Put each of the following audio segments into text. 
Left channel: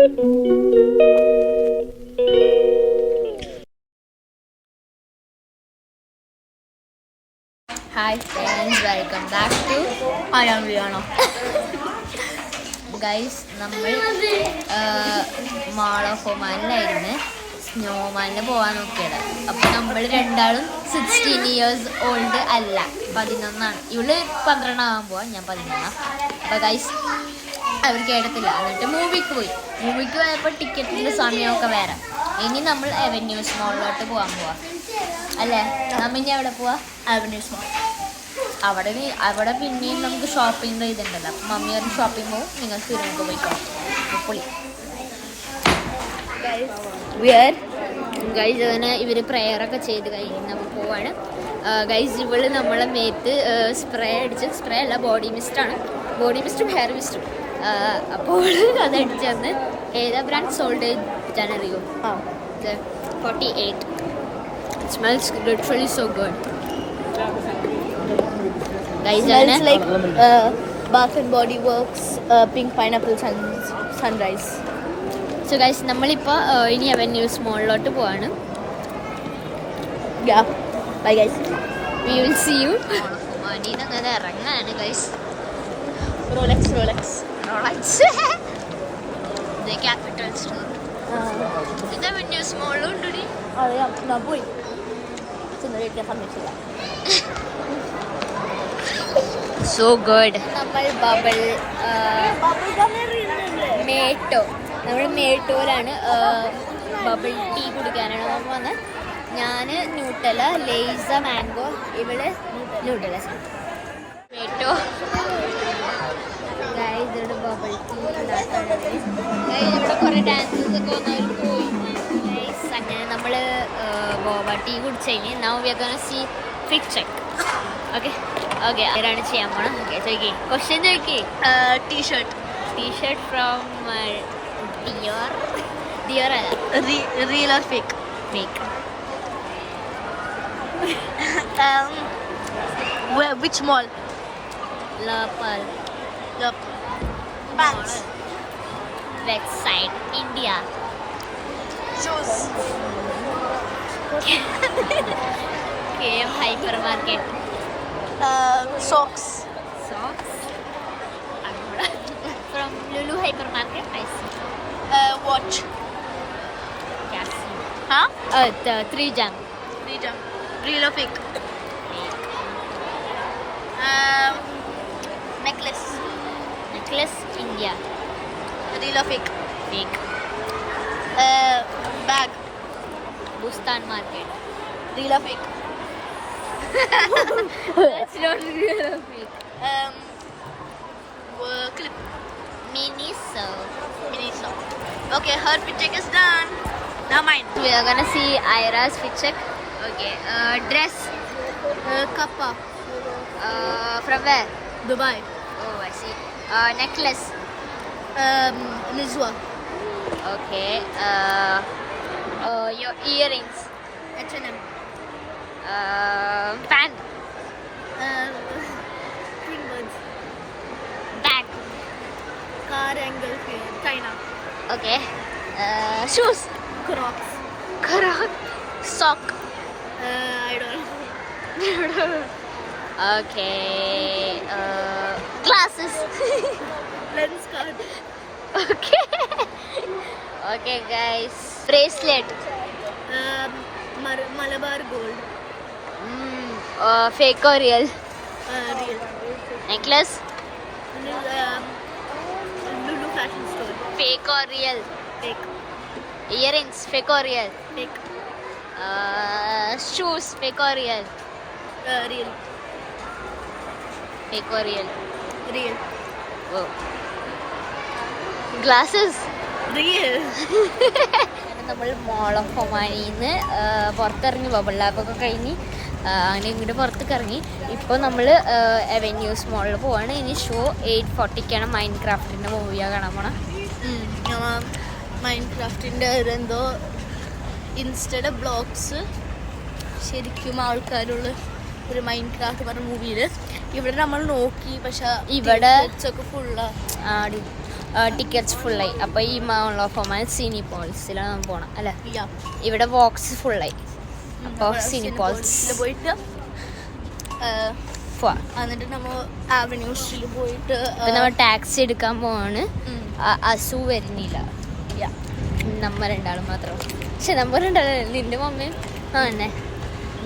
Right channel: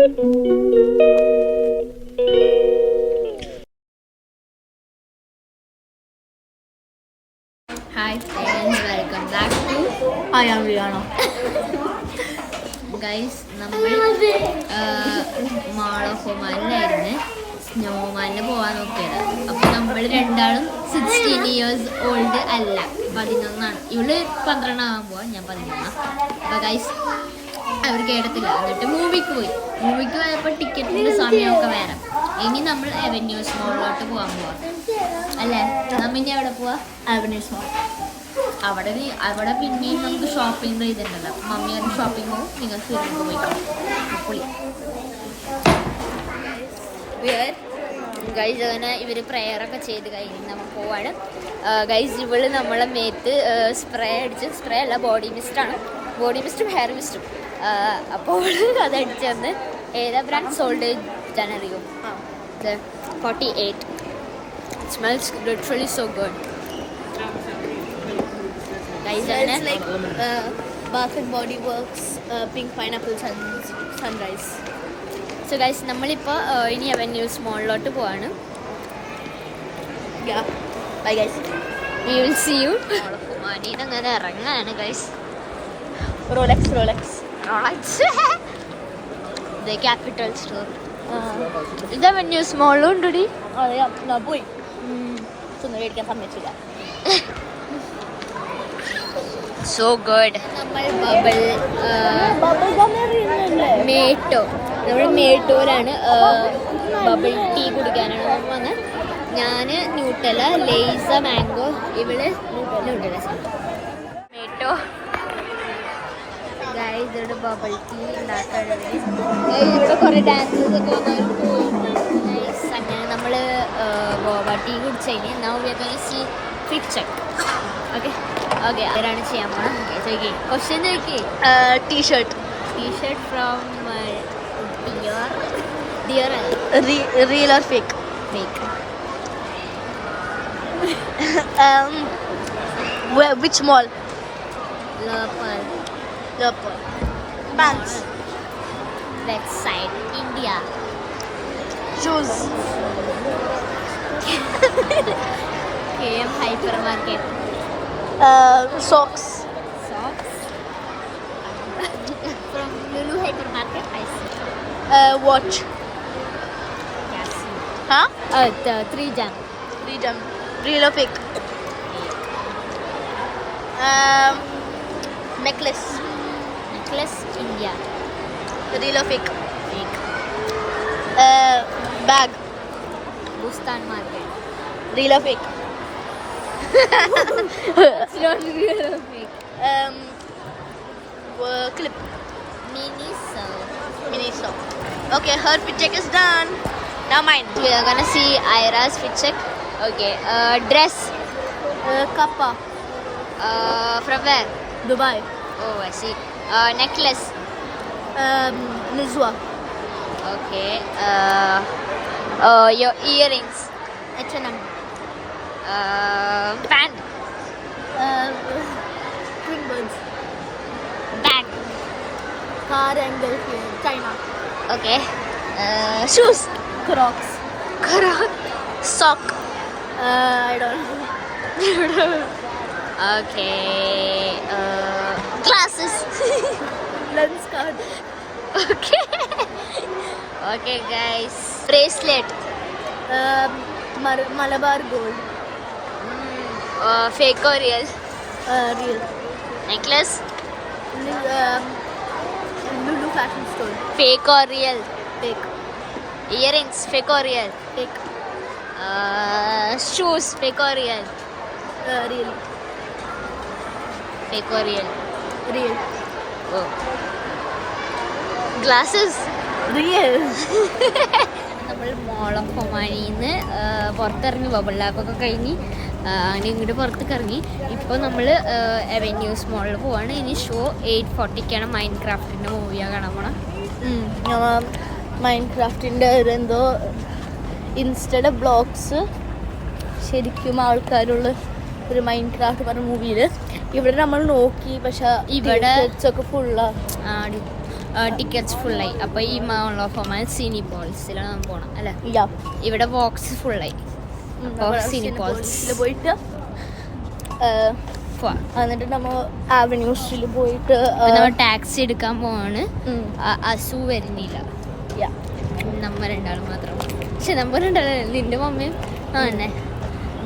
Hi friends, welcome back to ആണോ guys. നമ്മൾ mall of ഒമാനിലായിരുന്നു സ്നോമാനിൽ പോകാൻ നോക്കിയത്. അപ്പോൾ നമ്മൾ രണ്ടാളും 16 years ഓൾഡ് അല്ല, 11. ഇവള് 12 ആകാൻ പോവാ, ഞാൻ 11. അപ്പോൾ ഗൈസ് അവർ കേട്ടത്തില്ല. എന്നിട്ട് മൂവിക്ക് പോയപ്പോൾ ടിക്കറ്റിൻ്റെ സമയമൊക്കെ വേറെ. ഇനി നമ്മൾ അവന്യൂസ് മോളിലോട്ട് പോകാൻ പോവാം അല്ലേ? നമ്മ ഇനി എവിടെ പോവാ? അവന്യൂസ് മോൾ. അവിടെ പിന്നെയും നമുക്ക് ഷോപ്പിംഗ് ഇതുണ്ടല്ലോ. അപ്പം മമ്മി അത് ഷോപ്പിംഗ് പോകും, നിങ്ങൾ സിനിമക്ക് പോയിക്കോ. പൊളി ഗൈസ്. അങ്ങനെ ഇവർ പ്രെയറൊക്കെ ചെയ്ത് കഴിഞ്ഞ് നമ്മൾ പോവാണ് ഗൈസ്. ഇവള് നമ്മളെ മേത്ത് സ്പ്രേ അല്ല, ബോഡി മിസ്റ്റും ഹെയർ മിസ്റ്റും. അപ്പോൾ അതടിച്ച് തന്ന് ഏതാ brand? Sold ജനറിയോ 48. It smells literally so good. Guys, Smells like Bath and Body Works Pink Pineapple Sunrise. So guys, നമ്മളിപ്പോൾ ഇനി അവന്യൂസ് മോളിലോട്ട് പോവാണ്. Yeah, bye guys. We will see you. മടിയിൽ അങ്ങനെ ഇറങ്ങാണ് guys. Rolex. The Capital Store. ഇത് Avenues മോളിലും ഉണ്ടടി. അറിയാം, ഞാൻ പോയി സുന്ദരിക്കാൻ സമയത്തില്ല. So good. നമ്മൾ ബബിൾ നമ്മൾ മേട്ടോയിലാണ് ബബിൾ ടീ കുടിക്കാനാണ് നമ്മൾ വന്നത്. ഞാൻ ന്യൂട്ടല, ലേസ മാംഗോ, ഇവള് ന്യൂട്ടല മേട്ടോ. ഗൈസ് ഇവിടെ ബബിൾ ടീ ഉണ്ടാക്കാനാണ്. ഇവിടെ കുറേ ഡാൻസസ് ഒക്കെ പോയി. അങ്ങനെ നമ്മൾ ബോബ ടീ കുടിച്ച് കഴിഞ്ഞ് now we are going to see fit check. Okay ആരാണ് ചെയ്യാൻ പോണം? ക്വസ്റ്റ്യൻ ചോദിക്കേ. ടീഷർട്ട് ഫ്രോം ഡിയോർ അല്ല, real or fake? Which mall? Leopard. Pants. West side India. Shoes. KM hypermarket. Socks. From Lulu hypermarket I see. Watch. Casio. Huh? 3 jam. Real or fake? Necklace. India. Real or fake? Fake. Bag. Bustan market. Real or fake? That's not real or fake. Clip. Miniso. Okay, her fit check is done. Now mine. We are gonna see Ira's fit check. Okay. Dress. Kappa. From where? Dubai. Oh, I see. Necklace. Lizwa. Okay. Your earrings. H&M. Pant. Twin birds. Bag. Car angle here. China. Okay. Shoes. Crocs. Sock. I don't know. Okay. Glasses. Lens card. Okay, guys. Bracelet. Malabar gold. Fake or real? Real. Necklace. Lulu fashion store. Fake or real? Fake. Earrings. Fake or real? Fake. Shoes. Fake or real? Real. Fake or real? Real. Oh. Glasses. Real. നമ്മൾ മോൾ of ഒമാനിന്ന് പുറത്തിറങ്ങി, bubble ലാബൊക്കെ കഴിഞ്ഞ് അങ്ങനെ ഇങ്ങോട്ട് പുറത്തേക്ക് ഇറങ്ങി. ഇപ്പോൾ നമ്മൾ avenues മോളിൽ പോവാണ്. ഇനി ഷോ 8:40ക്കാണ്. മൈൻഡ് ക്രാഫ്റ്റിൻ്റെ മൂവിയാണ് കാണാൻ പോണം. മൈൻഡ് ക്രാഫ്റ്റിൻ്റെ എന്തോ ഇൻസ്റ്റയുടെ ബ്ലോഗ്സ് ശരിക്കും ആൾക്കാരുള്ള ഒരു മൈൻഡ് ക്രാഫ്റ്റ് പറഞ്ഞ മൂവിയിൽ ഇവിടെ നമ്മൾ നോക്കി, പക്ഷെ ഇവിടെ ഒക്കെ ഫുള്ളാ. ടിക്കറ്റ്സ് ഫുള്ളായി. അപ്പൊ ഈ മാൾ ഓഫ് ഒമാൻ സിനിപോൾസിലാണ് പോണം അല്ലെ. ഇല്ല, ഇവിടെ ബോക്സ് ഫുള്ളായി. അപ്പൊ സിനിപോൾസിൽ പോയിട്ട് എന്നിട്ട് നമ്മൾ ആവന്യൂസിൽ പോയിട്ട് നമ്മൾ ടാക്സി എടുക്കാൻ പോവാണ്. അസു വരുന്നില്ല, നമ്മ രണ്ടാളും മാത്രം. പക്ഷെ നമ്മ രണ്ടാളും നിന്റെ മമ്മയും തന്നെ.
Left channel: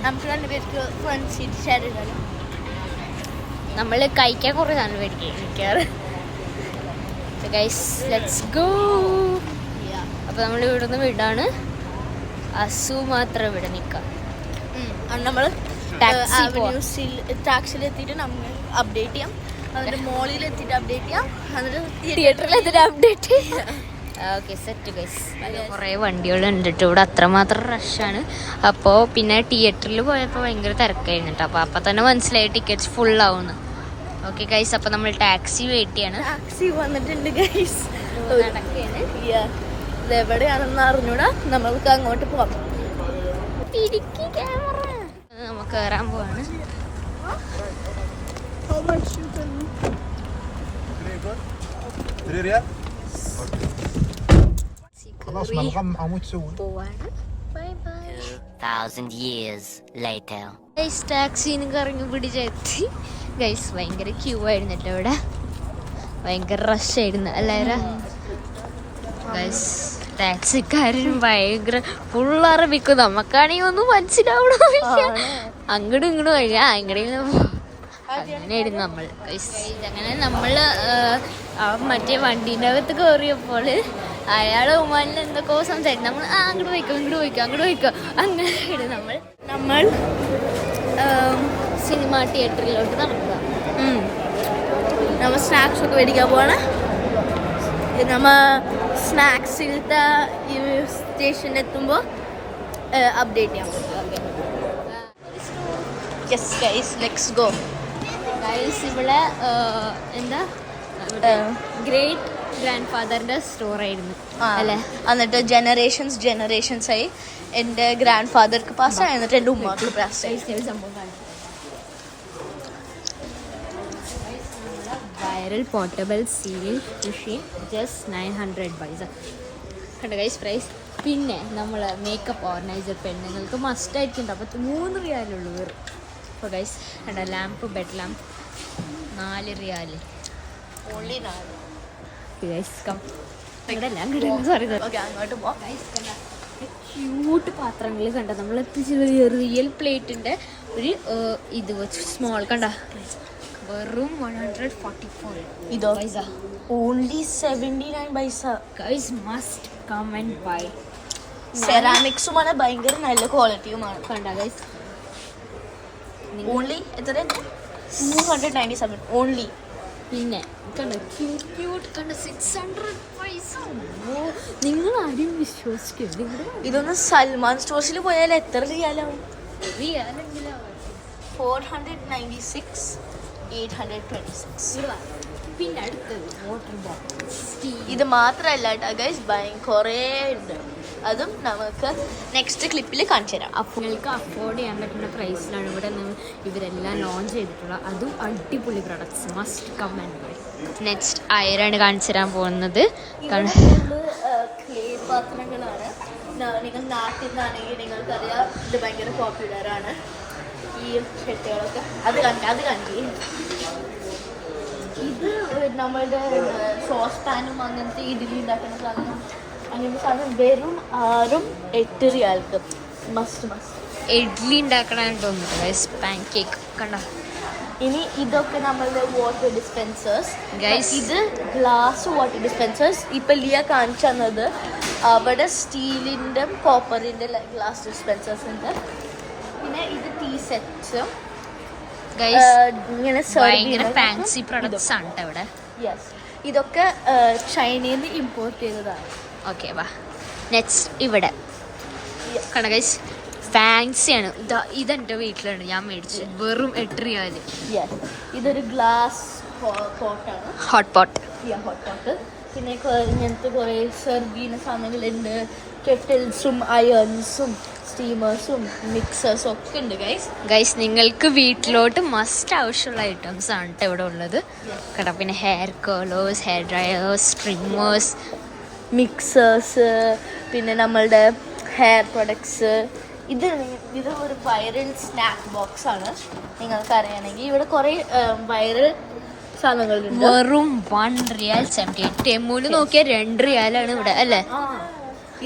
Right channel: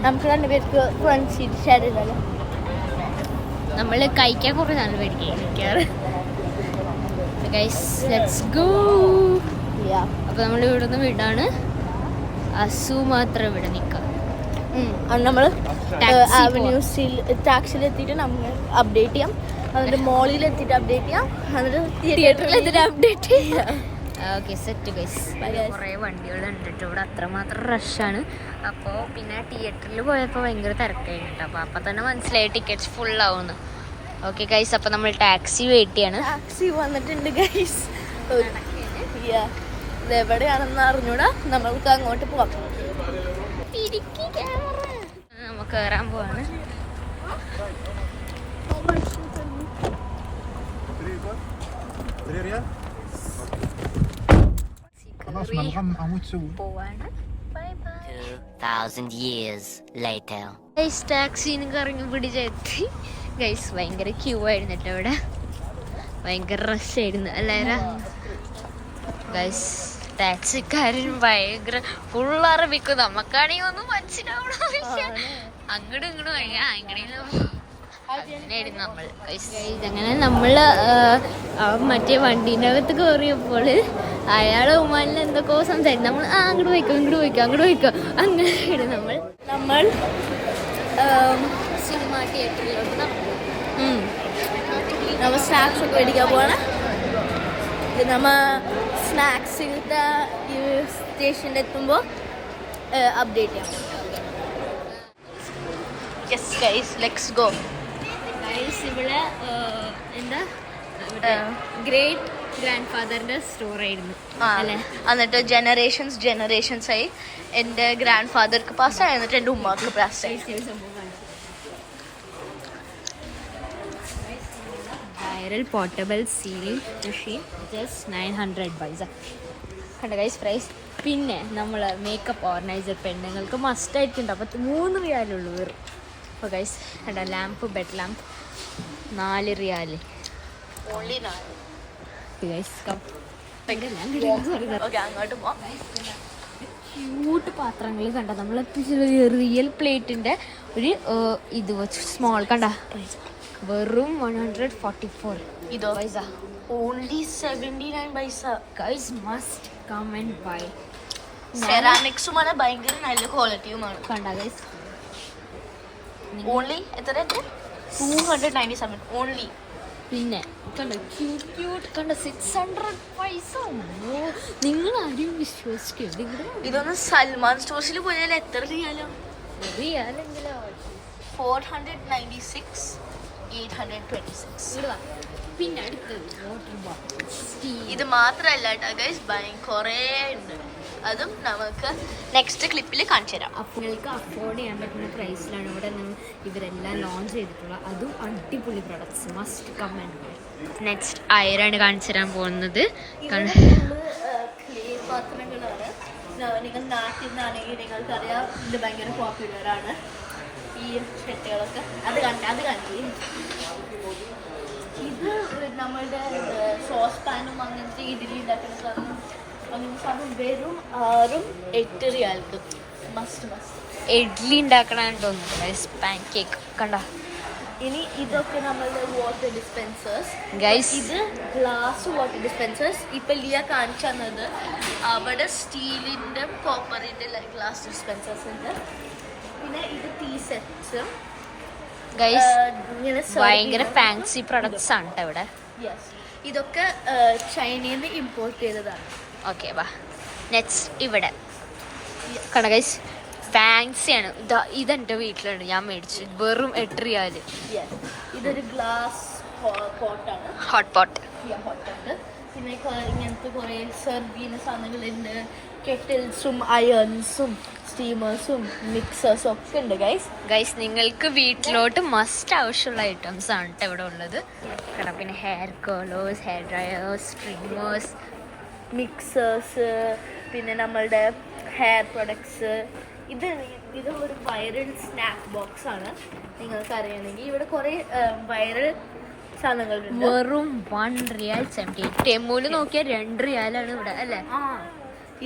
നമുക്ക് രണ്ടുപേർക്ക് ഫ്രണ്ട് സീറ്റ് ഷെയർ ചെയ്താലോ? നമ്മള് കഴിക്കാൻ കുറേ സാധനം മേടിക്കാറ്. Let's go. അപ്പൊ നമ്മൾ ഇവിടെ നിന്ന് വിടാണ്. അസു മാത്രം ഇവിടെ നിൽക്കാം. നമ്മൾ ടാക്സിയിൽ എത്തിയിട്ട് നമ്മൾ അപ്ഡേറ്റ് ചെയ്യാം. എന്നിട്ട് മോളിൽ എത്തിയിട്ട് അപ്ഡേറ്റ് ചെയ്യാം. എന്നിട്ട് തിയേറ്ററിൽ എത്തിയിട്ട് അപ്ഡേറ്റ് ചെയ്യാം. Okay, set guys. കുറേ വണ്ടികളുണ്ട് കേട്ടോ ഇവിടെ, അത്രമാത്രം റഷാണ്. അപ്പോൾ പിന്നെ തിയേറ്ററിൽ പോയപ്പോൾ ഭയങ്കര തിരക്കായിരുന്നു കേട്ടോ. അപ്പോൾ തന്നെ മനസ്സിലായി ടിക്കറ്റ്സ് ഫുള്ളാവുന്നു. ഓക്കെ ഗൈസ്, അപ്പോൾ നമ്മൾ ടാക്സി വെയിറ്റ് ചെയ്യാണ്. ടാക്സി വന്നിട്ടുണ്ട് ഗൈസ്. ഇത് എവിടെയാണെന്ന് അറിഞ്ഞൂടാ. നമ്മൾക്ക് അങ്ങോട്ട് പോവാം. നമുക്ക് കയറാൻ പോവാണ്. പോവാണ്. 2000 years later. ടാക്സിന്ന് കറങ്ങി പിടിച്ചെത്തി ഗൈസ്. ഭയങ്കര ക്യൂ ആയിരുന്നു കേട്ടോ ഇവിടെ, ഭയങ്കര റഷ് ആയിരുന്നു എല്ലാവരും. ഗൈസ് ടാക്സിക്കാരൻ ഭയങ്കര ഫുൾ അറബിക്കും, നമുക്കാണെങ്കിൽ ഒന്നും മനസ്സിലാവണോ. അങ്ങോട്ടും ഇങ്ങോട്ടും വരിക, അങ്ങനെയായിരുന്നു നമ്മൾ. അങ്ങനെ നമ്മള് മറ്റേ വണ്ടീൻ്റെ അകത്ത് കയറിയപ്പോൾ അയാൾ ഉമ്മാനിൽ എന്തൊക്കെയോ സംസാരിക്കും. നമ്മൾ അങ്ങോട്ട് പോയിക്കോ അങ്ങനെ നമ്മൾ സിനിമ തിയേറ്ററിലോട്ട് നടക്കുക. നമ്മൾ സ്നാക്സ് ഒക്കെ മേടിക്കാൻ പോവാണ്. നമ്മ സ്നാക്സിലത്തെ ഈ സ്റ്റേഷനിൽ എത്തുമ്പോൾ അപ്ഡേറ്റ് ചെയ്യാം. Yes guys, let's go. Guys ഇവിടെ എന്താ ഗ്രേറ്റ് ഗ്രാൻഡ് ഫാദറിന്റെ സ്റ്റോർ ആയിരുന്നു അല്ലേ. എന്നിട്ട് ജനറേഷൻസ് ആയി. എൻ്റെ ഗ്രാൻഡ് ഫാദർക്ക് പാസ്സായി, എന്നിട്ട് എൻ്റെ ഉമ്മാക്ക് പാസ്സായി. സംഭവം viral portable sealing machine just 900 പൈസ കണ്ട ഗൈസ് പ്രൈസ്. പിന്നെ നമ്മൾ മേക്കപ്പ് ഓർഗനൈസർ പെണ്ണുങ്ങൾക്ക് മസ്റ്റ് ആയിട്ടുണ്ട്. അപ്പോൾ 3 റിയാലുള്ളൂ. അപ്പോൾ ഗൈസ് ലാമ്പ്, ബെഡ് ലാമ്പ് 4 റിയാല് ഓൺലി 4. ഗൈസ് കം സോറി അങ്ങോട്ട് പോവാം. ക്യൂട്ട് പാത്രങ്ങൾ കണ്ട. നമ്മൾ റിയൽ പ്ലേറ്റിൻ്റെ ഒരു ഇത് വെച്ച് സ്മോൾ കണ്ട, വെറും 144. ഇതോ പൈസ only 79 paisa. Guys must come and buy. സെറാമിക്സുമാണ്, ഭയങ്കര നല്ല ക്വാളിറ്റിയുമാണ്. കണ്ട ഗൈസ് ഓൺലി എത്ര? 297 ഓൺലി. പിന്നെ കണ്ട ക്യൂട്ട് കണ്ട 600 പൈസ. നിങ്ങൾ ആരും വിശ്വസിക്കും. ഇതൊന്ന് സൽമാൻ സ്റ്റോഴ്സിൽ പോയാൽ എത്ര റിയാലാവും? 496, 826. പിന്നെ അടുത്തത് വാട്ടർ ബോട്ടിൽ. ഇത് മാത്രമല്ല കേട്ടോ ഗൈസ്, കുറേ ഉണ്ട്. അതും നമുക്ക് നെക്സ്റ്റ് ക്ലിപ്പിൽ കാണിച്ചു തരാം. നിങ്ങൾക്ക് അഫോർഡ് ചെയ്യാൻ പറ്റുന്ന പ്രൈസിലാണ് ഇവിടെ നിന്ന് ഇവരെല്ലാം ലോഞ്ച് ചെയ്തിട്ടുള്ളത്. അതും അടിപൊളി products, must come and buy. Next അയറാണ് കാണിച്ചു തരാൻ പോകുന്നത്. ക്ലേ പാത്രങ്ങളാണ്. നിങ്ങൾ നാട്ടിൽ നിന്നാണെങ്കിൽ നിങ്ങൾക്കറിയാം ഇത് ഭയങ്കര പോപ്പുലറാണ് ഈ ചട്ടികളൊക്കെ. അത് കാണിക്കും. ഇത് നമ്മളുടെ സോസ് പാനും അങ്ങനത്തെ ഇതിലുണ്ടാക്കുന്ന സാധനം. അങ്ങനത്തെ സാധനം വെറും 6-8 റിയാൽക്ക് മസ്റ്റ്. ഇഡ്ലി ഉണ്ടാക്കണമെന്ന് തോന്നുന്നു പാൻ കേക്ക് കണ്ട. ഇനി ഇതൊക്കെ നമ്മളുടെ വാട്ടർ ഡിസ്പെൻസേഴ്സ് ഗൈസ്. ഇത് ഗ്ലാസ് വാട്ടർ ഡിസ്പെൻസേഴ്സ്. ഇപ്പം ലിയ കാണിച്ചു തന്നത് അവിടെ സ്റ്റീലിൻ്റെ കോപ്പറിൻ്റെ ഗ്ലാസ് ഡിസ്പെൻസേഴ്സ് ഉണ്ട്. പിന്നെ ഇത് ടീ സെറ്റ്സ് ഗൈസ്, ഇങ്ങനെ ഭയങ്കര ഫാൻസി പ്രൊഡക്ട്സ് ആണ് കേട്ടോ ഇവിടെ. യെസ്, ഇതൊക്കെ ചൈനയിൽ നിന്ന് ഇമ്പോർട്ട് ചെയ്തതാണ്. ഓക്കെ വാ നെക്സ്റ്റ് ഇവിടെ കണ്ട ഗൈസ്, ഫാൻസിയാണ്. ഇതെൻ്റെ വീട്ടിലുണ്ട്, ഞാൻ മേടിച്ചു. വെറും 8 റിയാല്. ഇതൊരു ഗ്ലാസ് പോട്ടാണ്, ഹോട്ട് പോട്ട്. Hot pot. പിന്നെ ഇങ്ങനത്തെ കുറേ സെർവീന സാധനങ്ങളുണ്ട്. കെറ്റിൽസും അയൺസും സ്റ്റീമേഴ്സും മിക്സേഴ്സും ഒക്കെ ഉണ്ട് ഗൈസ് നിങ്ങൾക്ക് വീട്ടിലോട്ട് മസ്റ്റ് ആവശ്യമുള്ള ഐറ്റംസ് ആണ് കേട്ടോ ഇവിടെ ഉള്ളത് കേട്ടോ. പിന്നെ ഹെയർ കേളേഴ്സ്, ഹെയർ ഡ്രയേഴ്സ്, ട്രിമ്മേഴ്സ്, മിക്സേഴ്സ്, പിന്നെ നമ്മളുടെ ഹെയർ പ്രൊഡക്ട്സ്. ഇത് ഒരു വൈറൽ സ്നാക്ക് ബോക്സ് ആണ്. നിങ്ങൾക്ക് അറിയണമെങ്കിൽ ഇവിടെ കുറേ വൈറൽ സാധനങ്ങളുണ്ട്. വെറും 1 റിയാൽ 78. ടെമ്മൂല് നോക്കിയാൽ 2 റിയാലാണ് ഇവിടെ അല്ലേ.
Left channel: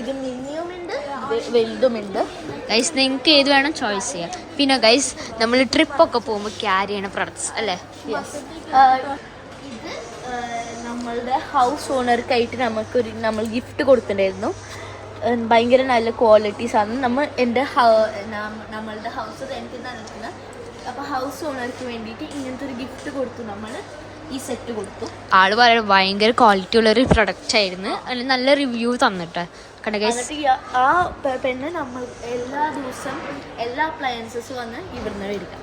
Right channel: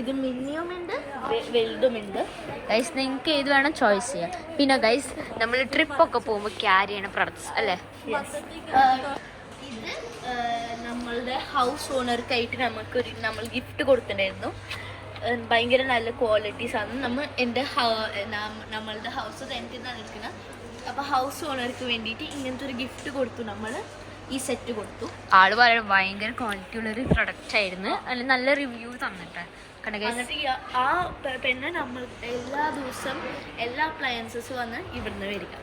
ഇത് മിനിയും ഉണ്ട് വലുതുമുണ്ട്. ഗൈസ് നിങ്ങൾക്ക് ഏത് വേണം ചോയ്സ് ചെയ്യാം. പിന്നെ ഗൈസ് നമ്മൾ ട്രിപ്പൊക്കെ പോകുമ്പോൾ ക്യാരി ചെയ്യണ പ്രൊഡക്ട്സ് അല്ലേ. ഇത് നമ്മളുടെ ഹൗസ് ഓണർക്കായിട്ട് നമ്മൾ ഗിഫ്റ്റ് കൊടുത്തിട്ടുണ്ടായിരുന്നു. ഭയങ്കര നല്ല ക്വാളിറ്റീസ് ആണ്. നമ്മളുടെ ഹൗസ് റെന്റിനാണ് എടുക്കുന്നത്. അപ്പോൾ ഹൗസ് ഓണർക്ക് വേണ്ടിയിട്ട് ഇങ്ങനത്തെ ഒരു ഗിഫ്റ്റ് കൊടുത്തു. നമ്മൾ ഈ സെറ്റ് കൊടുത്തു. ആള് പറയാൻ ഭയങ്കര ക്വാളിറ്റി ഉള്ളൊരു പ്രൊഡക്റ്റ് ആയിരുന്നു. അതിന് നല്ല റിവ്യൂ തന്നിട്ട് എന്നിട്ട് ആ പെണ്ണ് നമ്മൾ എല്ലാ ദിവസം എല്ലാ അപ്ലയൻസസ് വന്ന് ഇവിടുന്ന് മേടിക്കാം.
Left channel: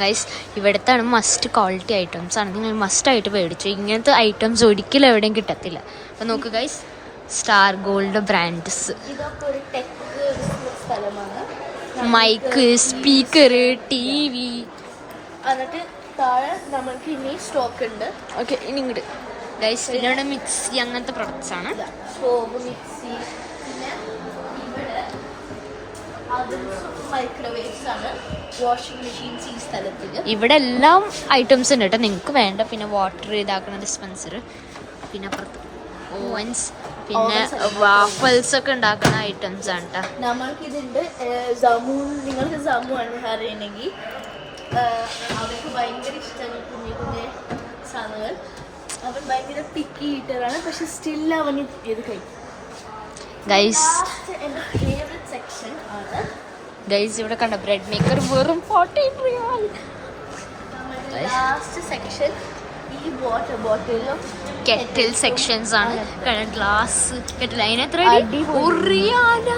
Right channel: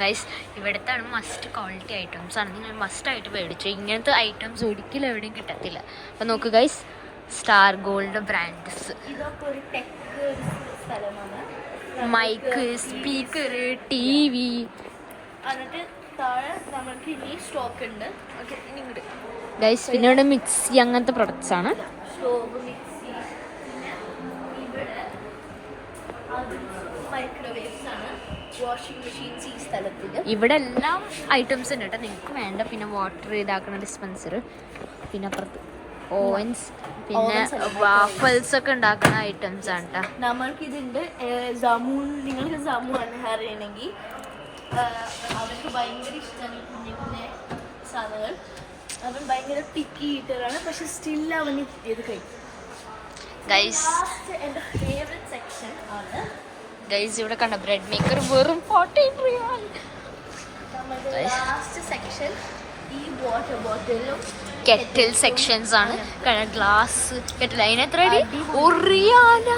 ഗൈസ് ഇവിടുത്താണ് മസ്റ്റ് ക്വാളിറ്റി ഐറ്റംസ് ആണ്. നിങ്ങൾ മസ്റ്റ് ആയിട്ട് മേടിച്ചു. ഇങ്ങനത്തെ ഐറ്റംസ് ഒരിക്കലും എവിടെയും കിട്ടത്തില്ല. അപ്പം നോക്ക് ഗൈസ്, സ്റ്റാർ ഗോൾഡ് ബ്രാൻഡ്സ്, ഇതൊക്കെ ഒരു ടെക് സ്ഥലമാണ്. Mic, speaker, TV. എന്നിട്ട് താഴെ നമ്മൾക്ക് ഇനി സ്റ്റോക്ക് ഉണ്ട്. ഓക്കെ ഇനി ഇങ്ങോട്ട് ഗൈസ്. പിന്നെ ഇവിടെ മിക്സി അങ്ങനത്തെ പ്രൊഡക്ട്സ് ആണ്. സ്റ്റോവ്, മിക്സി, പിന്നെ ഇവിടെ മൈക്രോവേവ്സ് ആണ്, വാഷിംഗ് മെഷീൻസ് ഈ സ്ഥലത്തിൽ. ഇവിടെ എല്ലാം ഐറ്റംസ് ഉണ്ട് കേട്ടോ നിങ്ങൾക്ക് വേണ്ട. പിന്നെ വാട്ടർ ഇതാക്കുന്ന ഡിസ്പെൻസർ, പിന്നെ അപ്പുറത്ത് ഓവൻസ്, പിന്നെ വാഫൽസ് ഒക്കെ ഉണ്ടാക്കുന്ന ഐറ്റംസ് ആണ് കേട്ടോ. നമ്മൾക്കിതുണ്ട് ജാമു. നിങ്ങൾക്ക് ജാമു ആണ് അറിയണമെങ്കിൽ അവർക്ക് ഭയങ്കര ഇഷ്ടമാണ് കുഞ്ഞു കുഞ്ഞു സാധനങ്ങൾ. അവൻ ഭയങ്കര പിക്കി ഈറ്ററാണ്. പക്ഷെ സ്റ്റിൽ അവന് ഇത് കഴിക്കും. എൻ്റെ ഫേവറേറ്റ് സെക്ഷൻ ആണ് ഗൈസ്. ഇവിടെ കണ്ട ബ്രെഡ് മേക്കർ വെറും 40 റിയാൽ. ലാസ്റ്റ് സെക്ഷൻ ഈ വാട്ടർ ബോട്ടിലും കെറ്റിൽ സെക്ഷൻസ് ആണ്. ഗ്ലാസ് കെറ്റിൽ അതിനെത്ര ഉറിയാല.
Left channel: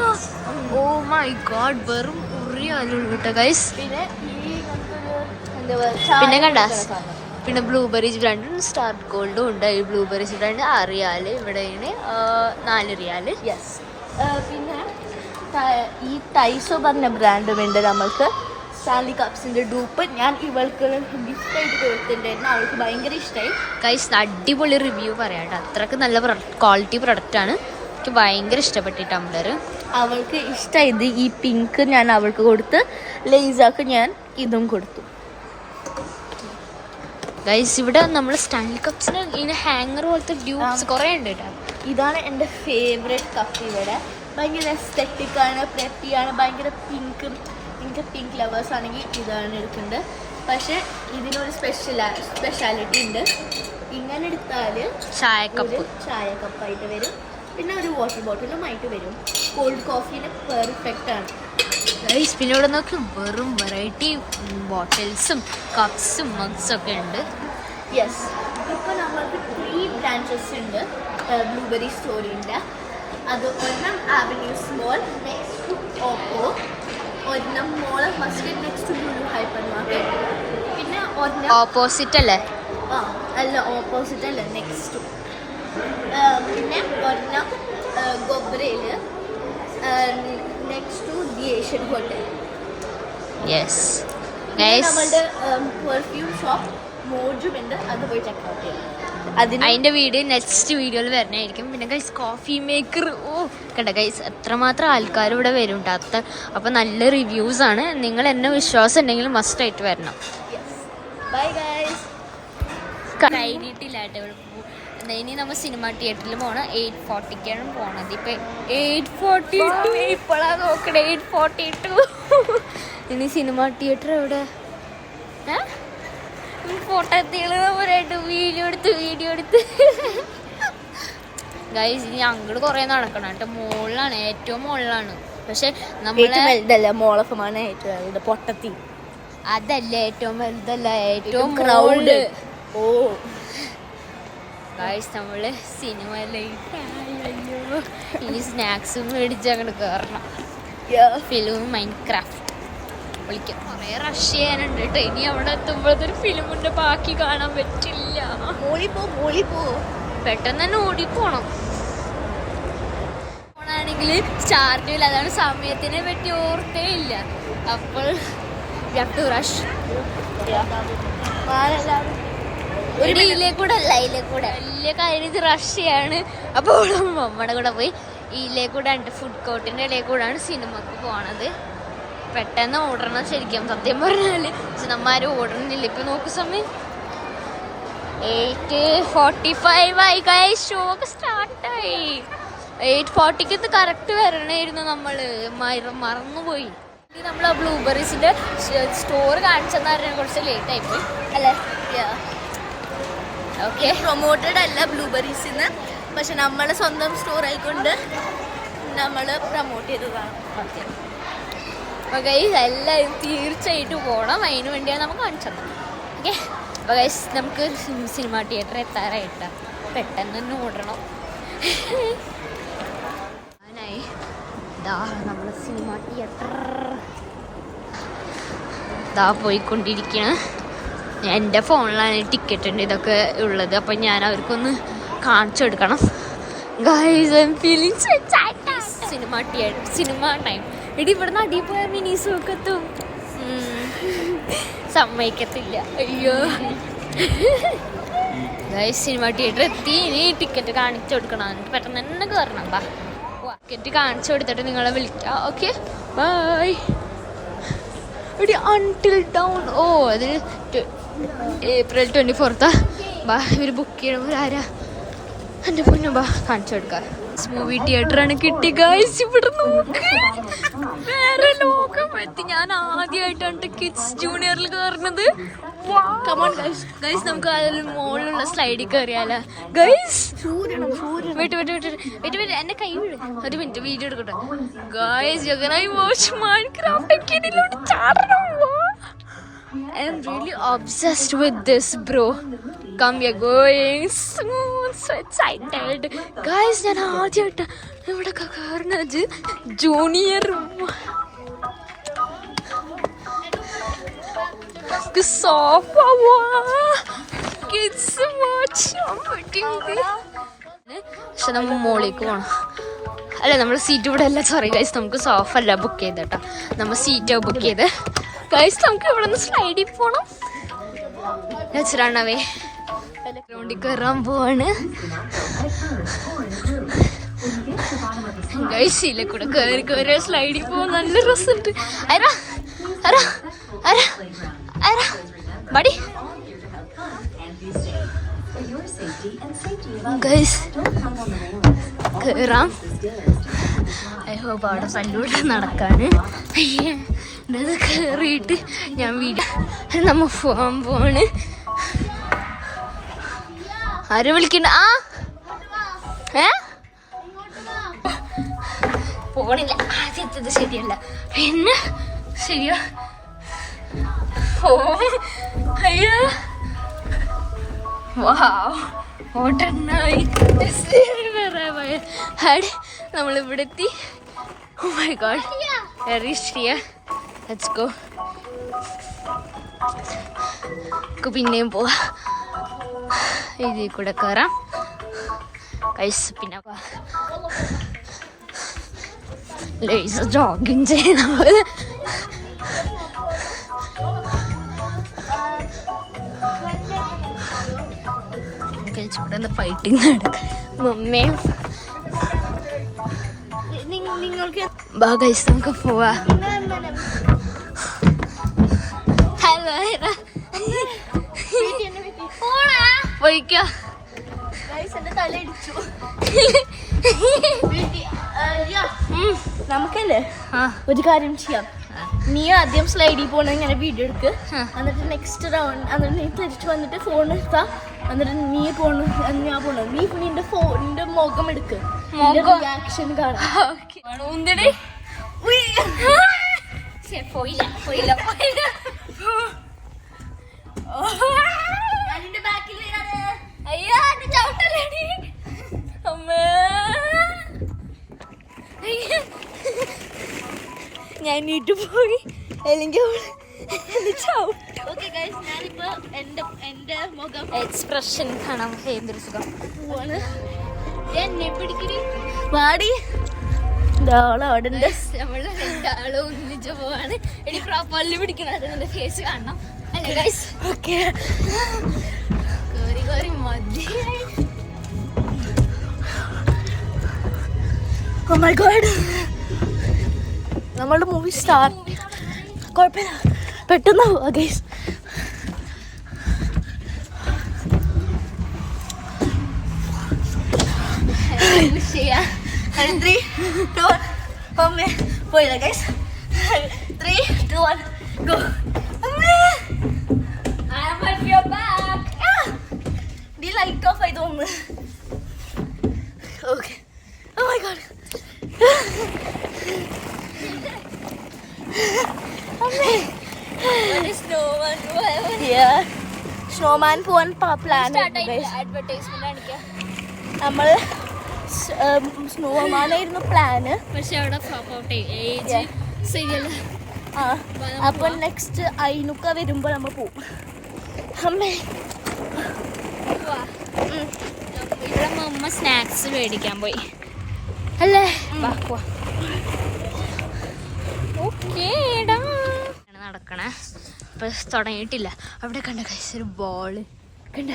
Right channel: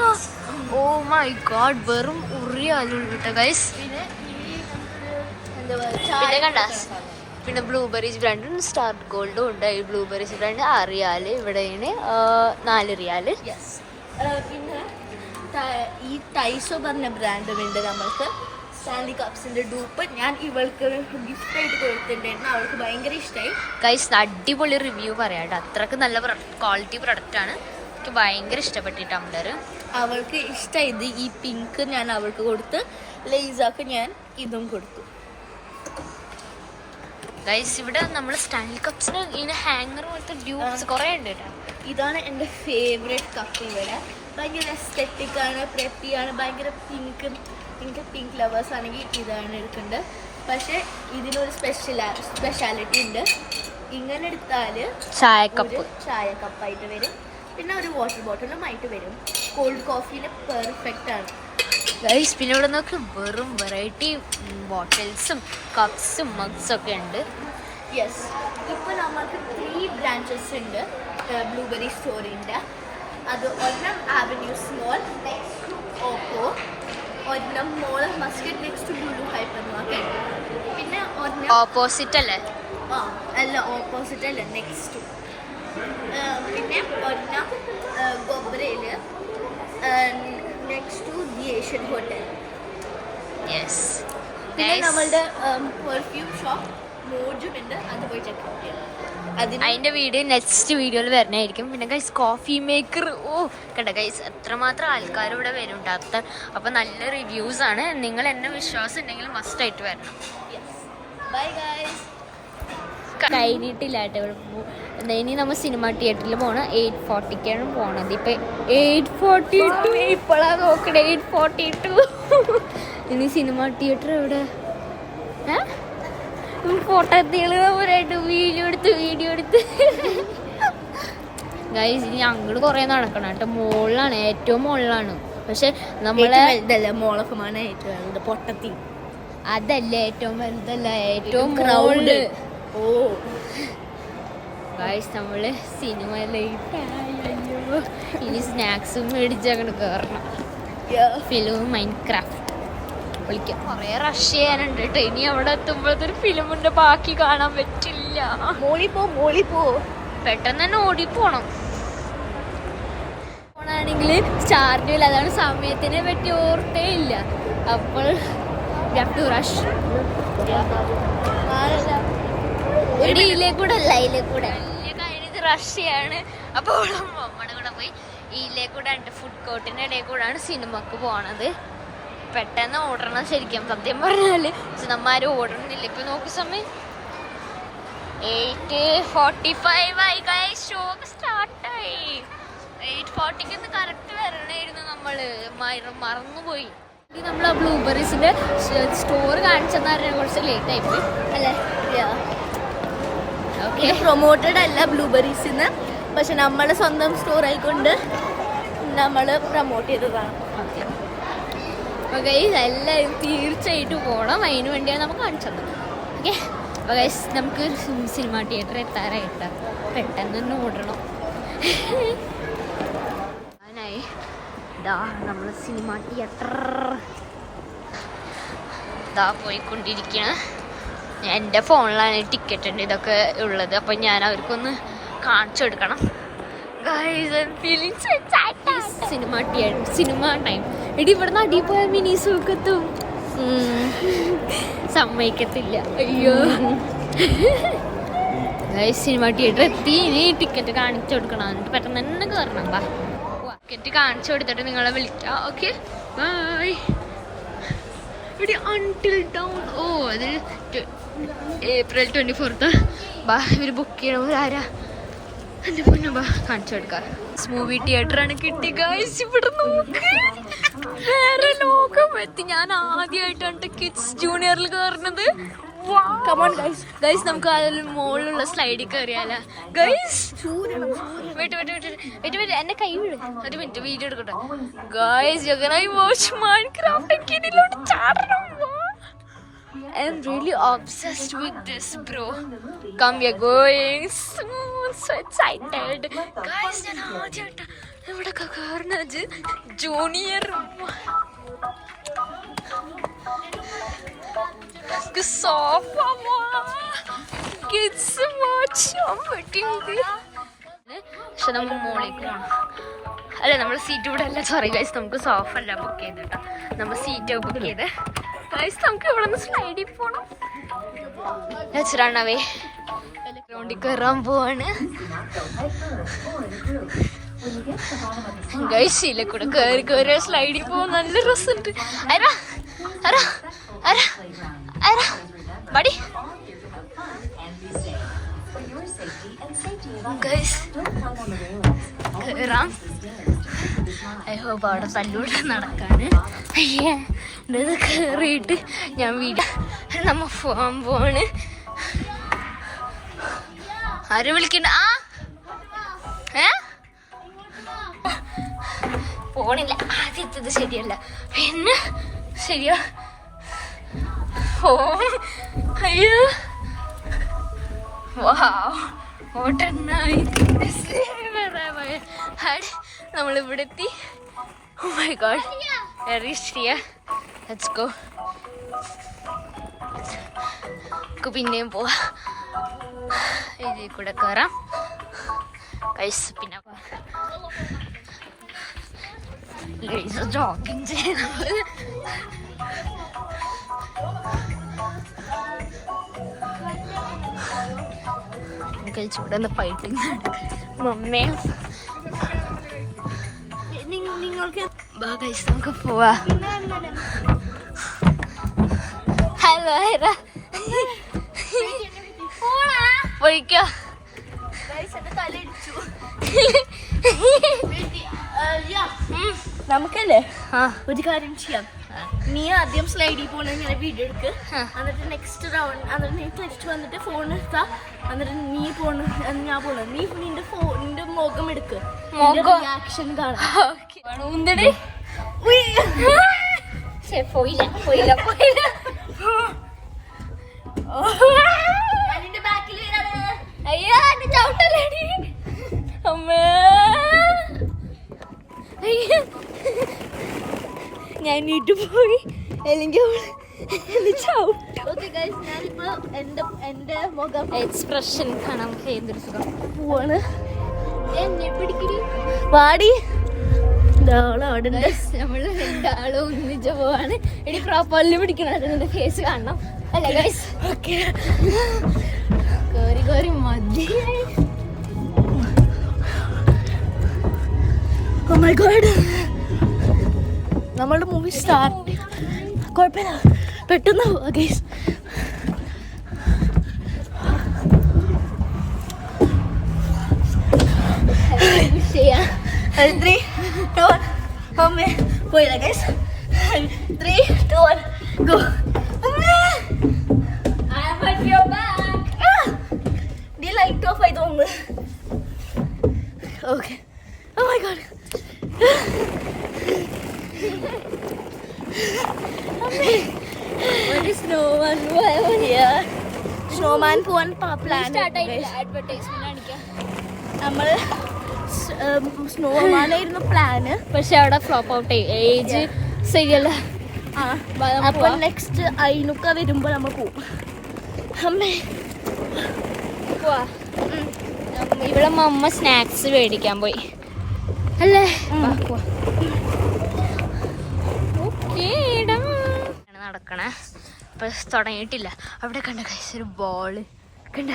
ഓ മൈ ഗോഡ്, വെറും ഉറിയാലുള്ളൂ കേട്ടോ ഗൈസ്. പിന്നെ കണ്ട പിന്നെ ബ്ലൂബെറീസ് ബ്രാൻഡും സ്റ്റാർ ഗോൾഡും ഉണ്ട്. ഈ ബ്ലൂബെറീസ് ബ്രാൻഡ് 6 റിയാൽ, ഇവിടെ 4 റിയാൽ. പിന്നെ ഈ ടൈസോ പറഞ്ഞ ബ്രാൻഡും ഉണ്ട്. നമ്മൾക്ക് സ്റ്റാൻലി കപ്സിന്റെ ഡൂപ്പ് ഞാൻ ഇവൾക്ക് ഗിഫ്റ്റ് ആയിട്ട് കൊടുത്തിട്ടുണ്ടായിരുന്നു. അവൾക്ക് ഭയങ്കര ഇഷ്ടമായി ഗൈസ്. അടിപൊളി റിവ്യൂ പറയാട്ടോ. അത്രക്ക് നല്ല ക്വാളിറ്റി പ്രൊഡക്റ്റ് ആണ്. എനിക്ക് ഭയങ്കര ഇഷ്ടപ്പെട്ടു ടംബ്ലർ. അവൾക്ക് ഇഷ്ടമായത് ഈ പിങ്ക് ഞാൻ അവൾക്ക് കൊടുത്ത്, ലേസാക്ക് ഞാൻ ഇതും കൊടുത്തു. ഗൈസ് ഇവിടെ നമ്മൾ സ്റ്റാൻലി കപ്സിന് ഇങ്ങനെ ഹാങ്ങർ പോലത്തെ ഡ്യൂപ്സ് കുറേ ഉണ്ട് കേട്ടോ. ഇതാണ് എൻ്റെ ഫേവറേറ്റ് കപ്പ്. ഇവിടെ ഭയങ്കര എസ്തെറ്റിക് ആണ്, പ്രത്യാണ്, ഭയങ്കര പിങ്ക്. എനിക്ക് പിങ്ക് ലവേഴ്സ് ആണെങ്കിൽ ഇതാണ് എടുക്കേണ്ടത്. പക്ഷെ ഇതിനൊരു സ്പെഷ്യാലിറ്റി ഉണ്ട്. ഇങ്ങനെ എടുത്താൽ ചായ കപ്പായിട്ട് വരും. പിന്നെ ഒരു വാട്ടർ ബോട്ടിലുമായിട്ട് വരും. കോൾഡ് കോഫീന് പെർഫെക്റ്റ് ആണ് ഗൈസ്. പിന്നെ ഇവിടെ നോക്കി വെറും വെറൈറ്റി ബോട്ടിൽസും കപ്സും മഗ്സും ഒക്കെ ഉണ്ട്. യെസ്, ഇപ്പോൾ നമ്മൾക്ക് 3 ബ്രാഞ്ചസ് ഉണ്ട് ബ്ലൂബെറി സ്റ്റോറിൻ്റെ. അത് ഒരെണ്ണം avenue mall next to Oppo, ഒരെണ്ണം mall of Muscat next to Lulu hypermarket, പിന്നെ ഒരെണ്ണം ഓപ്പോസിറ്റ് അല്ലേ? അല്ല ഓപ്പോസിറ്റ് അല്ല, നെക്സ്റ്റ്. പിന്നെ ഒരെണ്ണം ഗൊബ്രയിൽ next to the Asian hotel. Yes guys, നമ്മളുടെ പെർഫ്യൂം ഷോപ്പ് മോജും ഉണ്ട്. അത് പോയി ചെക്ക് ഔട്ട് ചെയ്യണം. അതിന്റെ വീഡിയോ നെക്സ്റ്റ് വീഡിയോയിൽ വരുന്നതായിരിക്കും. പിന്നെ ഗൈസ് കോഫി മേക്കർ, കണ്ട ഗൈസ് എത്രമാത്രം ആൾക്കാർ ഇവിടെ വരും കേട്ടോ. അപ്പം നല്ല റിവ്യൂസ് ആണ്. നിങ്ങൾ എന്നെ വിശ്വാസം ഉണ്ടെങ്കിൽ മസ്റ്റ് ആയിട്ട് വരണം. Bye guys. കഴിഞ്ഞിട്ടില്ല കേട്ടോ ഇവിടെ ഇനി നമ്മൾ സിനിമ തിയേറ്ററിൽ പോകണം. 8:40ക്കാണ് പോണത്. ഇപ്പം 8:42 ഇപ്പോഴാണ് നോക്കണേ. 8:42. ഇനി സിനിമ തിയേറ്റർ എവിടെ? ഫോട്ടോ വീഡിയോ എടുത്ത് ഗൈസ്. ഇനി അങ്ങോട്ട് കുറേ നടക്കണം കേട്ടോ. മുകളിലാണ്, ഏറ്റവും മുകളിലാണ്. പക്ഷെ നമ്മളെ മോളൊക്കെമാണ് പൊട്ടത്തി. അതല്ല ഏറ്റവും വലുതല്ല, ഏറ്റവും മുകളില്. ഗൈസ് നമ്മള് സിനിമ അയ്യോ ഇനി സ്നാക്സും മേടിച്ച് അങ്ങോട്ട് കയറണം. ഫിലിം മൈൻക്രാഫ്റ്റ് വിളിക്കാം. കുറേ റഷ് ചെയ്യാനുണ്ട് കേട്ടോ. ഇനി അവിടെ എത്തുമ്പോഴത്തൊരു ഫിലിമിന്റെ ബാക്കി കാണാൻ പറ്റില്ല. പെട്ടെന്ന് തന്നെ ഓടിപ്പോണം. ഫോണാണെങ്കിൽ ചാർജില്ല, അതാണ് സമയത്തിനെ പറ്റി ഓർത്തേ ഇല്ല. അപ്പോൾ റഷ് എടി ഇതിലേക്കൂടെ അല്ല, ഇതിലേക്കൂടെ വലിയ കാര്യം റഷ്യാണ്. അപ്പോൾ നമ്മുടെ കൂടെ പോയി ഇതിലേക്കൂടെ ഫുഡ് കോർട്ടിന്റെ ഇടയിൽക്കൂടാണ് സിനിമക്ക് പോണത്. പെട്ടെന്ന് ഓടണം ശരിക്കും സത്യം പറഞ്ഞാല്. പക്ഷെ നമ്മാരും ഓടണമെന്നില്ല. ഇപ്പൊ നോക്ക് സമയം 8:45 ആയി. ഷോ സ്റ്റാർട്ടായി. 8:40 കറക്റ്റ് വരണായിരുന്നു. നമ്മള് മറന്നുപോയി. നമ്മള് ബ്ലൂബെറീസിന്റെ സ്റ്റോർ കാണിച്ചെന്ന് പറഞ്ഞാൽ കുറച്ച് ലേറ്റ് ആയിപ്പോയി അല്ലേ? ഓക്കെ, പ്രൊമോട്ടഡ് അല്ല ബ്ലൂബെറീസിന്ന്, പക്ഷെ നമ്മളെ സ്വന്തം സ്റ്റോർ ആയിക്കൊണ്ട് നമ്മള് പ്രൊമോട്ട് ചെയ്തതാണ്. ഓക്കെ, അപ്പോൾ ഗൈസ് എല്ലാവരും തീർച്ചയായിട്ടും പോകണം. അതിന് വേണ്ടിയാണ് നമുക്ക് കാണിച്ചത്. ഓക്കെ, അപ്പോൾ ഗൈസ് നമുക്ക് സിനിമ തിയേറ്റർ എത്താറായിട്ട് പെട്ടെന്ന് തന്നെ ഓടണം. ഞാനായി ഇതാ നമ്മൾ സിനിമ തിയേറ്റർ ഇതാ പോയിക്കൊണ്ടിരിക്കുകയാണ്. എൻ്റെ ഫോണിലാണ് ടിക്കറ്റ് ഉണ്ട് ഇതൊക്കെ ഉള്ളത്. അപ്പം ഞാൻ അവർക്കൊന്ന് കാണിച്ചു കൊടുക്കണം. Guys I am feeling so excited. Cinema time. എടി ഇവിടുന്ന് അടി പോയ മിനിസൊക്കെത്തും. സമ്മതിക്കത്തില്ല. അയ്യോ ഗൈസ് സിനിമ തിയേറ്റർ എത്തി. ഇനി ടിക്കറ്റ് കാണിച്ചു കൊടുക്കണം. എന്നിട്ട് പെട്ടെന്ന് തന്നെ കയറണം. ബാ, ടിക്കറ്റ് കാണിച്ചു കൊടുത്തിട്ട് നിങ്ങളെ വിളിക്കാം. Okay, bye. എടി അൺടിൽ ഡൗൺ. ഓ, അത് April 24th. ബാ, ഇവർ ബുക്ക് ചെയ്യണം. ആരാ എൻ്റെ പൊന്നു. ബാ കാണിച്ചു കൊടുക്കാം. മൂവി തിയേറ്റർ ആണ് കിട്ടി ഗൈസ്. ഇവിടെ നോക്ക്, വേറെ ലോകം എത്തി. ഞാൻ ആദ്യമായിട്ടാണ് കിഡ്സ് ജൂനിയറിൽ കയറുന്നത്. ഗൈസ് നമുക്ക് അതിൽ മുകളിലുള്ള സ്ലൈഡിൽ കയറിയാലോ ഗൈസ്? വെയിറ്റ് എന്റെ കൈ വീട്. ഒരു മിനിറ്റ് വീഡിയോ എടുക്കട്ടെ ഗൈസ്. ജഗനായി വാച്ച് മൈൻക്രാഫ്റ്റ് ചാടണം. I am really obsessed with this, bro. Come, we are going soon. So excited. Guys, ഞാൻ ആദ്യമായിട്ട് ഇവിടെ കയറുന്നത് ജൂനിയർ. Sofa kids watch. പക്ഷെ നമ്മൾ മോളിലേക്ക് പോകണം. അല്ല, നമ്മൾ സീറ്റ് ഇവിടെ അല്ല. സോറി ഗൈസ്, നമുക്ക് സോഫ അല്ല ബുക്ക് ചെയ്തേട്ടാ. നമ്മൾ സീറ്റാണ് ബുക്ക് ചെയ്ത്. ഗൈസ് നമുക്ക് ഇവിടെ നിന്ന് സ്ലൈഡിൽ പോണം. റണ്ണവേ ഗ്രൗണ്ടിൽ കയറാൻ പോവാണ് ഗൈസ്. ഇതിലെ കൂടെ കയറി സ്ലൈഡിൽ പോവാൻ നല്ല രസമുണ്ട്. ബടി ഗൈസ് കയറാം. ഐ ഹോപ്പ് അവിടെ തല്ലൂടെ നടക്കാണ്. ഇത് കയറിയിട്ട് ഞാൻ വീഡിയോ നമ്മ പോകാൻ പോവാണ്. ആരും വിളിക്കണ്ട. പോണില്ല. ആദ്യത്തത് ശരിയല്ല, പിന്നെ ശരിയാ. ഓ അയ്യോ, നമ്മളിവിടെ എത്തി. ഓ മൈ ഗോഡ്, വെരി ഷ്രിയ. Let's go. പിന്നെയും പോവാ. ഇതിൽ കൂടെ കയറാം ഗൈസ്. പിന്നെ ലേസർ ജോഗിങ് ചെയ്യുന്ന പോലെ. ഇവിടെ ഫൈറ്റിങ് നടക്കാം. മമ്മയും നിങ്ങൾക്ക് ബാ ഗൈസ് നമുക്ക് പോവാ. ഹലോ പോയിക്കോ. നമുക്കല്ലേ ഒരു കാര്യം ചെയ്യാം. നീ ആദ്യം സ്ലൈഡിൽ പോണ ഇങ്ങനെ വീഡിയോ എടുക്ക്. എന്നിട്ട് നെക്സ്റ്റ് റൗണ്ട് എന്നിട്ട് നീ തിരിച്ചു വന്നിട്ട് ഫോൺ എടുത്താ. എന്നിട്ട് നീ പോണ ഞാൻ പോണ. നീ നിന്റെ മുഖം എടുക്ക്. ആക്ഷൻ കാണാം. പോയില്ല. അയ്യോ ചവിട്ടല്ലേടി അമ്മേ. ഞാൻ വീട്ടിൽ പോയി അല്ലെങ്കിൽ ചവിട്ടും. ഞാനിപ്പോ എന്റെ മുഖം എക്സ്പ്രഷൻ കാണാൻ എന്തൊരു സുഖം. പോവാണ്. എന്നെ പിടിക്കടി. പാടി അവിടെ ഉണ്ട്. നമ്മള് രണ്ടാളും ഒന്നിച്ച് പോവാണ്. എടി പ്രോപ്പർലി പിടിക്കുന്നത് ഫേസ് കാണണം അല്ലേ ഗൈസ്? ഓക്കെ കേറി മതിയായി. Oh my god. നമ്മളുടെ മൂവി സ്റ്റാർട്ട്. കുഴപ്പമില്ല, പെട്ടെന്ന് പോവാ ഗൈസ്. പോയില്ല ഗൈസ്. 3, 2, 1 ഗോ. നീ ലൈറ്റ് ഓഫ് ആയി തോന്നുന്നു. ഓക്കെ. Oh my god. ഒരു സ്നോമാൻ സ്നോമാൻ പോവാൻ പ്ലാൻ. നമ്മൾ സ്നോമാനായിരുന്നു പ്ലാന്, പക്ഷെ അവിടെ ഫ്ലോപ്പ് ഔട്ട് ആയി. ഏജ് ശരിയല്ല. അപ്പൊ നെക്സ്റ്റ് അയിനുക്ക വരുമ്പോ നമ്മൾ പോവും. അമ്മേ ഇവിടെ മമ്മ സ്നാക്സ് മേടിക്കാൻ പോയി അല്ലേ? നടക്കണേ. ഇപ്പൊ തുടങ്ങിയിട്ടില്ല. അവിടെ കണ്ട കൈസ് ഒരു ബോള് കണ്ട,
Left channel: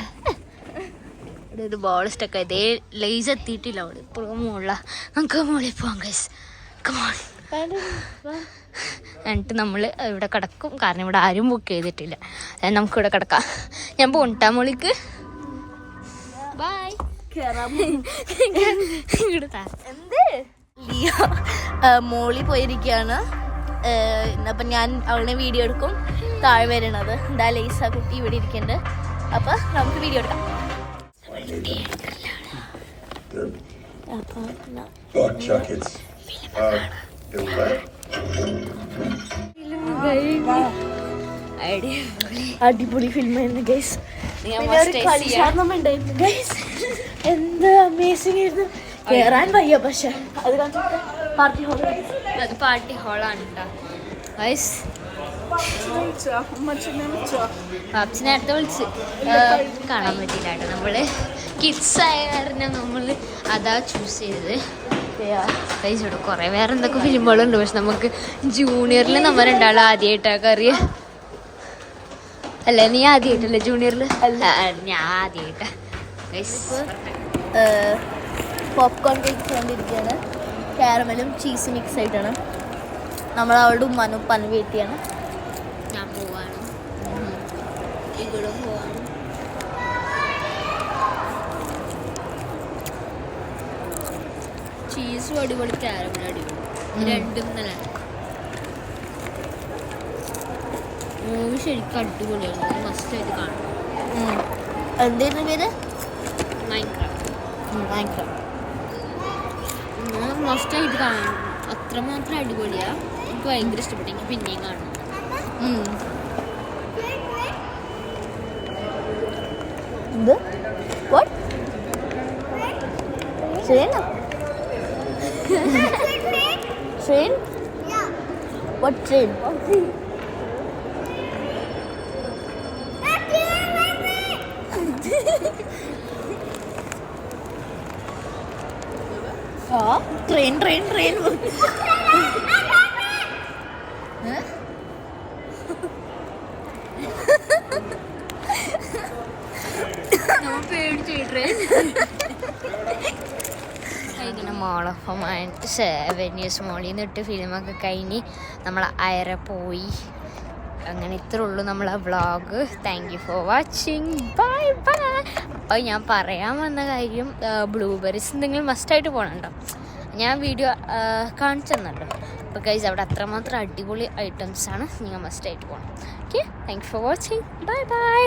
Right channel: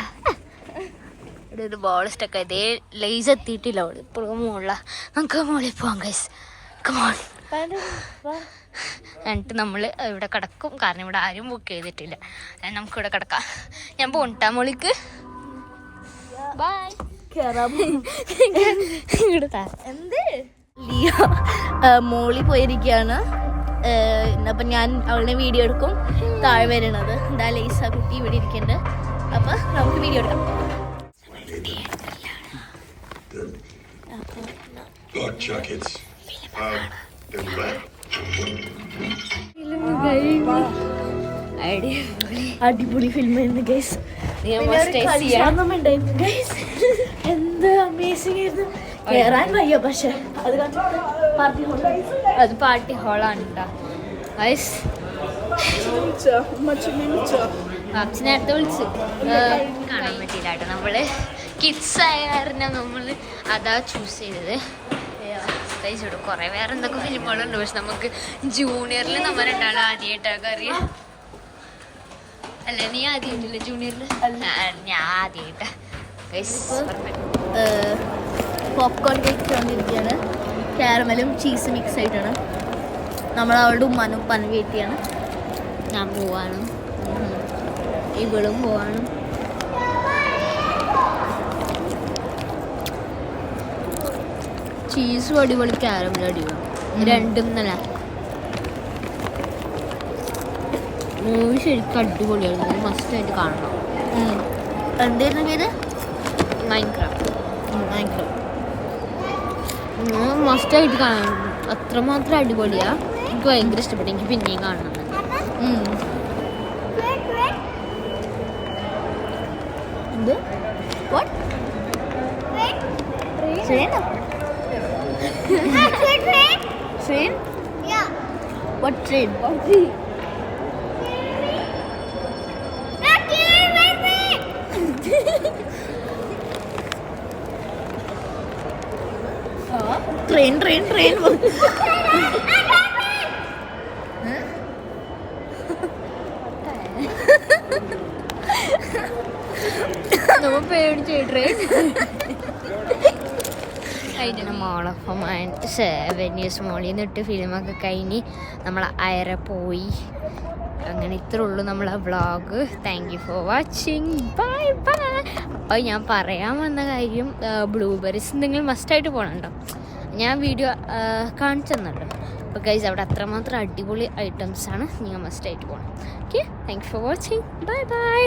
ഇവിടെ ഒരു ബോൾ സ്റ്റക്ക്. ഇതേ ലേസ് എത്തിയിട്ടില്ല. അവിടെ ഇപ്പോഴും മുകളില. നമുക്ക് മുകളിൽ പോവാം കൈസ്. കമോൺ. എന്നിട്ട് നമ്മൾ ഇവിടെ കിടക്കും. കാരണം ഇവിടെ ആരും ബുക്ക് ചെയ്തിട്ടില്ല. നമുക്കിവിടെ കിടക്കാം. ഞാൻ പോണ്ടാ മോളിക്ക്. ബൈ. ലിയ മോളി പോയിരിക്കുകയാണ്. അപ്പൊ ഞാൻ അവളുടെ വീഡിയോ എടുക്കും. താഴെ വരണത് എന്താ ലേസ കുട്ടി ഇവിടെ ഇരിക്കണ്ട്. അപ്പൊ നമുക്ക് വീഡിയോ എടുക്കാം. Buck jackets. They're red. അടിപൊളി ഫിലിം ആയിരുന്നു ഗൈസ്. എന്ത് അമേസിംഗ് ആയിരുന്നു. കേറാൻ വയ്യ, പക്ഷെ അത് പാർട്ടി ഹോളാണ് കേട്ടോ ഗൈസ്. പാപ്സി നേരത്തെ വിളിച്ച് കാണാൻ പറ്റിയില്ല കേട്ടോ. നമ്മള് കിഡ്സ് ആയ കാരണം നമ്മള് അതാ ചൂസ് ചെയ്തത്. ഗൈസ് ഇവിടെ കുറെ വേറെ എന്തൊക്കെ ഫിലിമുകളുണ്ട്. പക്ഷെ നമുക്ക് ജൂനിയറിൽ നമ്മൾ രണ്ടാളും ആദ്യമായിട്ടൊക്കെ അറിയാം അല്ലേ? നീ ആദ്യമായിട്ടല്ലേ ജൂനിയറിൽ? ഞാൻ ആദ്യമായിട്ടാ ഗൈസ്. പോപ്കോൺ കേക്ക് തന്നിരിക്കുകയാണ്. കാരമലും ചീസ് മിക്സ് ആയിട്ടാണ്. നമ്മൾ അവളുടെ ഉമ്മാനും ഉപ്പാനും വെയിറ്റ് ചെയ്യാണ്. ഞാൻ പോവാണ്, ഇവളും പോവാണ്. ചീസും അടിപൊളി, കാരമലും അടിപൊളി. രണ്ടും നല്ല മൂവി ശരിക്കും അടിപൊളിയാണ്. മസ്റ്റ് ആയിട്ട് കാണണം. എന്തായിരുന്നു പേര്? മൈൻക്രാഫ്റ്റ്. മസ്റ്റ് ആയിട്ട് കാണണം. അത്രമാത്രം അടിപൊളിയാ. എനിക്ക് ഭയങ്കര ഇഷ്ടപ്പെട്ടു. എനിക്ക് പിന്നെയും കാണണം. ഇത് what train? Train? Yeah. What train? Train നമ്മ പേടിച്ചു ട്രെയിൻ. അതിൻ്റെ മോൾ ഓഫ് മൈൻഡ് 7 years മോളിൽ നിന്നിട്ട് ഫിലിമൊക്കെ കഴിഞ്ഞ് നമ്മൾ അയറെ പോയി. അങ്ങനെ ഇത്രേ ഉള്ളൂ നമ്മളെ vlog. Thank you for watching. Bye bye. അപ്പോൾ ഞാൻ പറയാൻ വന്ന കാര്യം, ബ്ലൂബെറീസ് എന്തെങ്കിലും മസ്റ്റായിട്ട് പോകണുണ്ടോ? ഞാൻ വീഡിയോ കാണിച്ചു തന്നല്ലോ. അപ്പോൾ ഗൈസ് അവിടെ അത്രമാത്രം അടിപൊളി ഐറ്റംസാണ്. നിങ്ങൾ മസ്റ്റായിട്ട് പോകണം. Okay, thank you for watching. Bye bye.